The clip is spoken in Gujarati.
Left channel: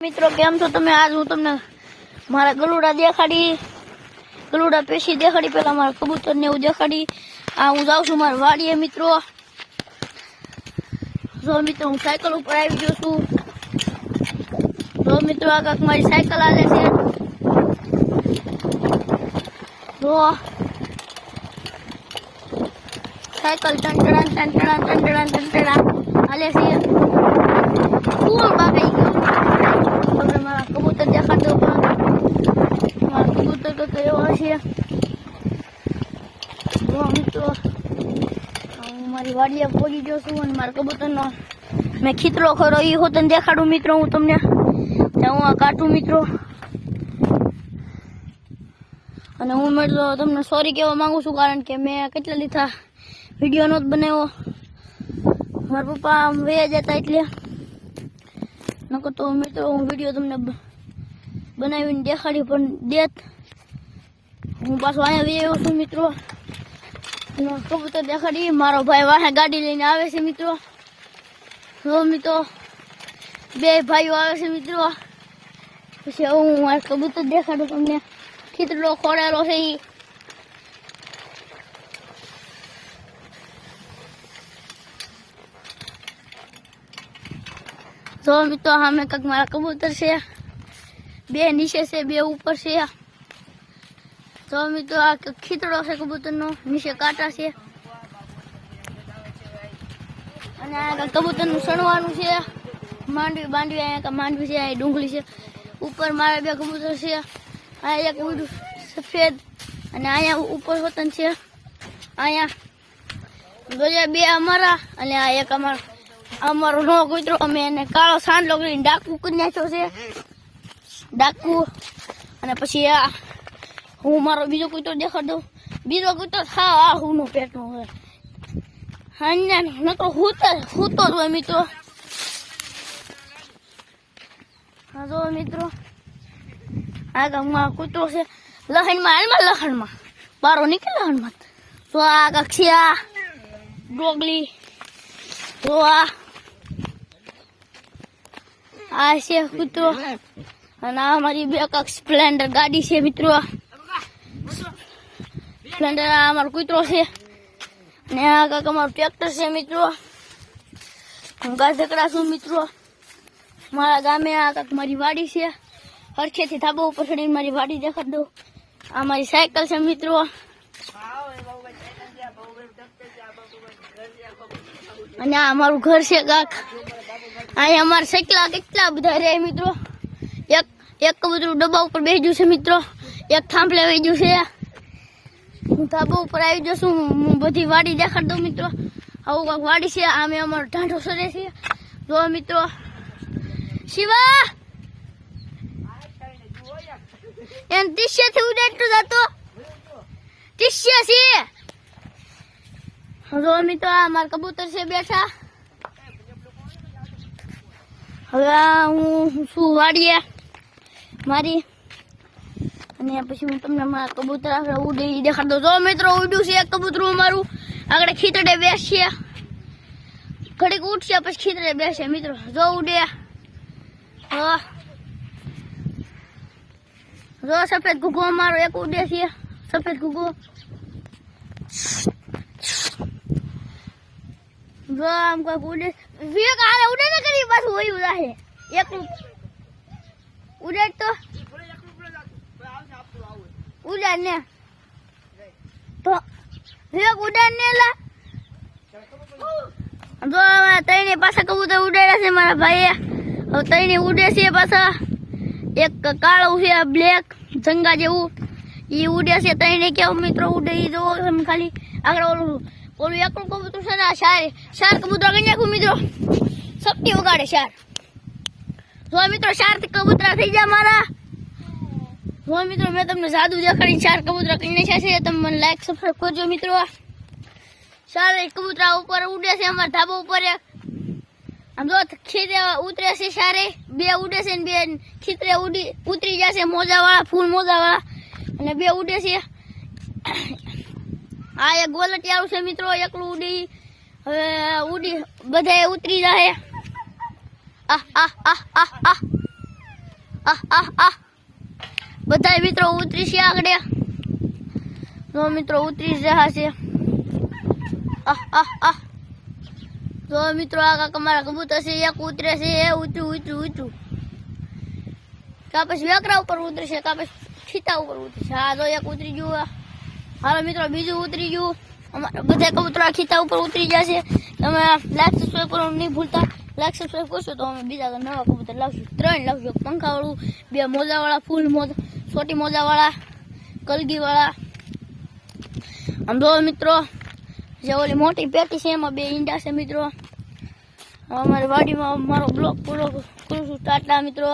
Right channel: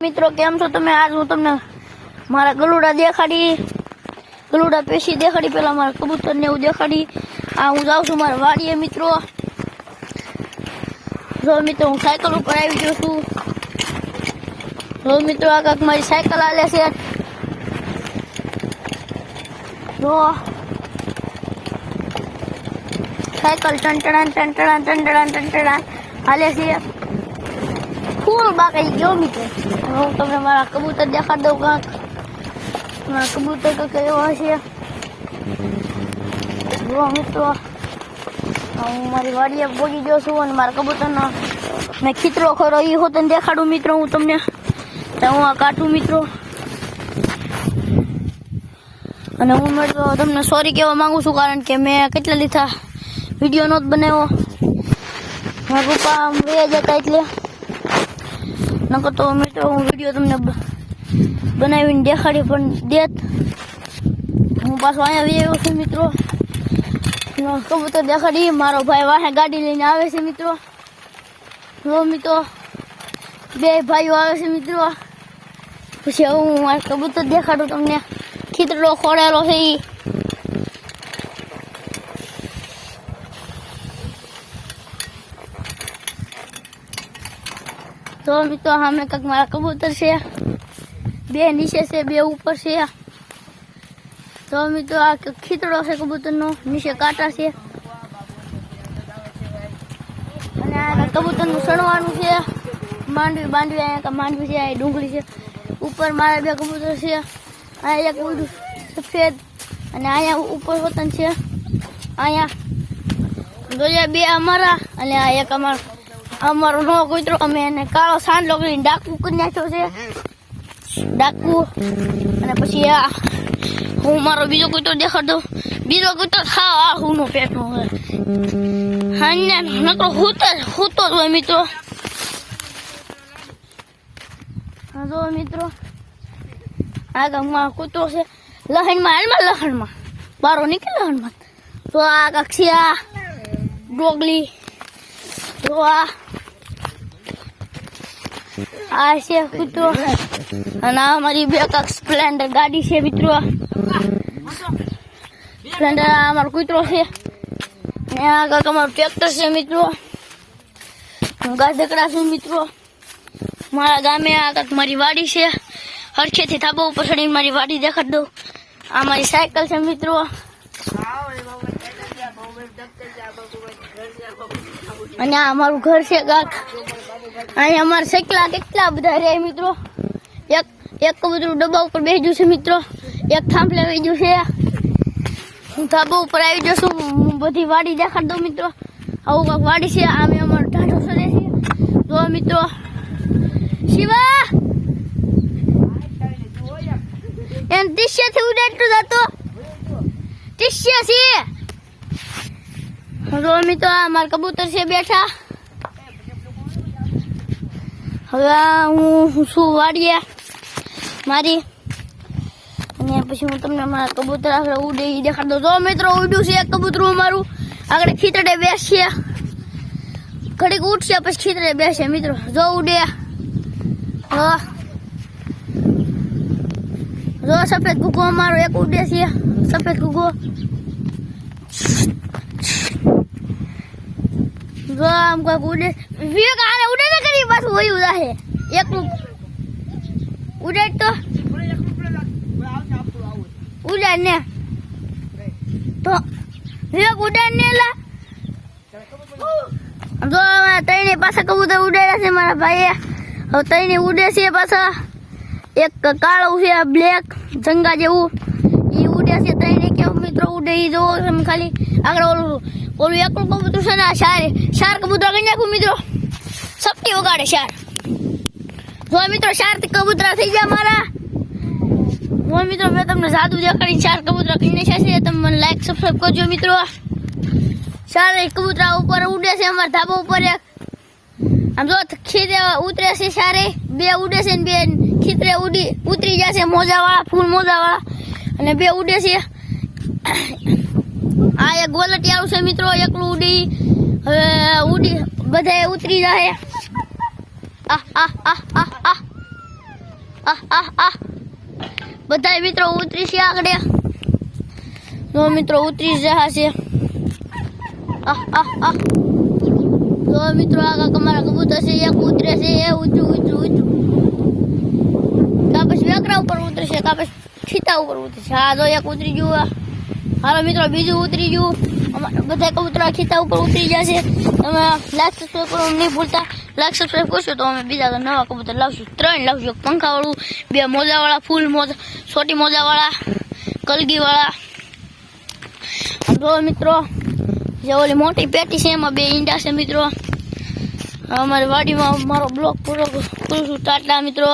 મિત્રો કેમ છો તમે? આજ હું તમને મારા ગલુડા દેખાડી, ગલુડા પેશી દેખાડી, પેલા મારા કબૂતર ને એવું દેખાડી. આ હું જાઉં છું મારા વાડીએ મિત્રો. જો મિત્રો હું સાયકલ ઉપર આવી ગયો છું. જો મિત્રો આ કાંક મારી સાયકલ હાલે છે. જો સાયકલ ટંટડા હાલે છે. ફૂલ બાકી ગયો મિત્રો. હું તમને મારા કબૂતર દેખાડ દઉં. કાંક મારા કબૂતર તો કેવો હશે. જો મિત્રો હું મારી વાડીએ પહોંચી ગયો છું અને મારા કબૂતરનો ને ખીતરો ખરો એ હોતને દેખાડું મિત્રો. હું તમને હું આ કાઢું મિત્રો. અને હું મિત્રો તમને સોરી કહેવા માંગુ છું, કારણ કે મેં કેટલા લીધા વિડીયો નહોતો બનાવ્યો. મારા પપ્પા વયા જતા એટલે નકર તો મિત્રો હું વિડીયો તમને બનાવીને દેખાડી પણ દેત. હું પાછો અહીંયા આવ્યો છું મિત્રો. કબૂતર દેખાડી. મારો ભાઈ વાહે ગાડી લઈને આવે છે મિત્રો. જો મિત્રો બે ભાઈઓ આવે છે મિત્રો. પછી હું મારા કબૂતર દેખાડું તમને. ખીતરો ખોડેલો છે એ. તો મિત્રો સામે કંઈક મારા કબૂતર છે. બે નીચે છે, બે ઉપર છે. તો મિત્રો આ ખીતડો છે કબૂતરનો, નીચે કાંટા છે. અને આ કબૂતરનું સણવાનું છે. માંડવી અહીંયા માંડવી છે, અહીંયા ડુંગળી છે. ઉપર મારા બે કબૂતર છે. અહીંયા એક ઉડું સફેદ અને અહીંયા ઉપર વતન છે. અહીંયા બે અમારા અને આ એક અમારો નો કૂતરો. અમે એને કાળો સાંડલો કરીને ડાકુ કરી નાખ્યો છે. ડાકુ. અને પછી આ હું મારો બીજો કૂતરો દેખાડ દઉં. બીજો કૂતરો ખાવ આ હુંનો પેટનો હોય. હા નકરો હૂતો જ હોય મિત્રો. જો મિત્રો આ ગામમાં કૂતરો છે. લખણમાં બારો નીકળે લખણમાં. તો આ કક્ષિયા ડોગલી. તો આ છે કૂતરો. અને આ મારી બે કાંક સ્પ્લેન્ડર ગાડી છે મિત્રો. સ્પ્લેન્ડર આ અમારો કૂતરો છે. ને આ કાંક અમારું ટ્રેક્ટર છે મિત્રો. હું ગાઢકડા છું મિત્રો. મારા ગામે આ કાંક મારી વાડી છે. હરખેથી ધાબા ઉપર ચડીને મારી વાડી દેખાડ દઉં. આ મારી સાયકલ છે મિત્રો. અને આ અમારું ઘર છે કાંક. અહીંયા અમારા સાયકલા કેટલા બધા રહે મિત્રો. એક કબૂતરું ડબ્બા ઉપર બેસી છે મિત્રો. એક થાંભલે આવી ગયું છે. હું ધાબા ઉપર આવી જશું. હું બધી વાડી દેખાડ દઉં મિત્રો. આવું કાંક વાડી છે. આમે અમારો ઢાંઢો સરે છે. જો મિત્રો શિવા એમ ટીસ્યાથી ઉડાડતું જતો. ટીસ્યા છે. જો મિત્રો આ મારા કબૂતર છે બેઠા. હવે હું શું વાડીએ મારી. અને પછી હું તમને મારા કબૂતર આગળ ઉડે એ દેખાડ દઉં. જો મિત્રો ઉડ્યું છે એક કબૂતરું અમારું. આગળ ખીતડે બેસશે. ઘડીક ઉઠશે પછી ખીતડે બેસે મિત્રો. જો ઉડે. જો સફેદ ઘૂઘો અમારો એક ઉડે છે. સફેદ ઘૂઘો. જો આમ કોઈક ઉડે. વિવેક આને ઉડે ને કરી પાછું વયું જાહે. એકલું ઉડાડ તો ઉડાડ ને. તો વિવેક ઉડાડ ને લા. જો ત્રણે પાછા કબૂતર ઉડાડ્યા છે મારા ભાઈએ. હવે ત્રણે ઉડે છે પાછા. એક કાળું છે બ્લેક જંગા જેવું એ ઉડે છે. ત્રણે કેવું મિત્રો ઉડે એ જોવો તમે ખાલી. આગળ ઓલું એકલું કબૂતર છે ને શાર કબૂતર કરી નાખું મિત્રો. સપટી વગાડે શાર. જો મિત્રો શાર કબૂતરા થઈ ગયા મારા. જો મિત્રો મેં તમને જાદુ દેખાડીને શાર કબૂતરા કરી નાખ્યા છે. તમે મને લાઈક સબસ્ક્રાઈબ કરજો મિત્રો. શાર કબૂતરા ઉપર ઉડે છે અમારા ધાબા ઉપર. એક આમ જો ખીરે ઉતરે છે. શારે બે ઉડે છે ને બે ખીતરે ઉતરી જશે. મોજાવાળા ફૂલ મોજાવાળા. અને બે ઉડે છે. આ એક ગોલટિયાળું છે મિત્રો. એકલું ઉડી બધા ઉતરી જાય. બધા મિત્રો ઉતરી છે આગળ જો મિત્રો ઉતરી રહ્યા છે જો મિત્રો આગળ તમારા કબૂતર છે એક ઉતરે છે એ ઉતરું કાપસ વેકરા ઉપર ઉતરે છે કાપસ ખીતા ઉપર ઉતરે છે હા જો એક ઉતરી ગયું હાલો મિત્રો બીજું ઉતરી ગયું બધા કબૂતરા ખીતા ઉપર ઉતરી જશે તમે લાઈક સબસ્ક્રાઈબ કરવાનું નહીં ભૂલતા લાઈક સબસ્ક્રાઈબ કરશો તો અમે બીજા નવા કબૂતર લાવશું 3 લાવશું પંખાવાળું 2 મોજાવાળા ફૂલ મોજા છોટી મોજાવાળા કલગીવાળા જો મિત્રો જે ઓલી મોટી પેટી છે એમાં 2 ઈંડા છે મિત્રો અમારી વાડીમાં મારો બ્લોગ પૂરો કરું છું ટાટા મિત્રો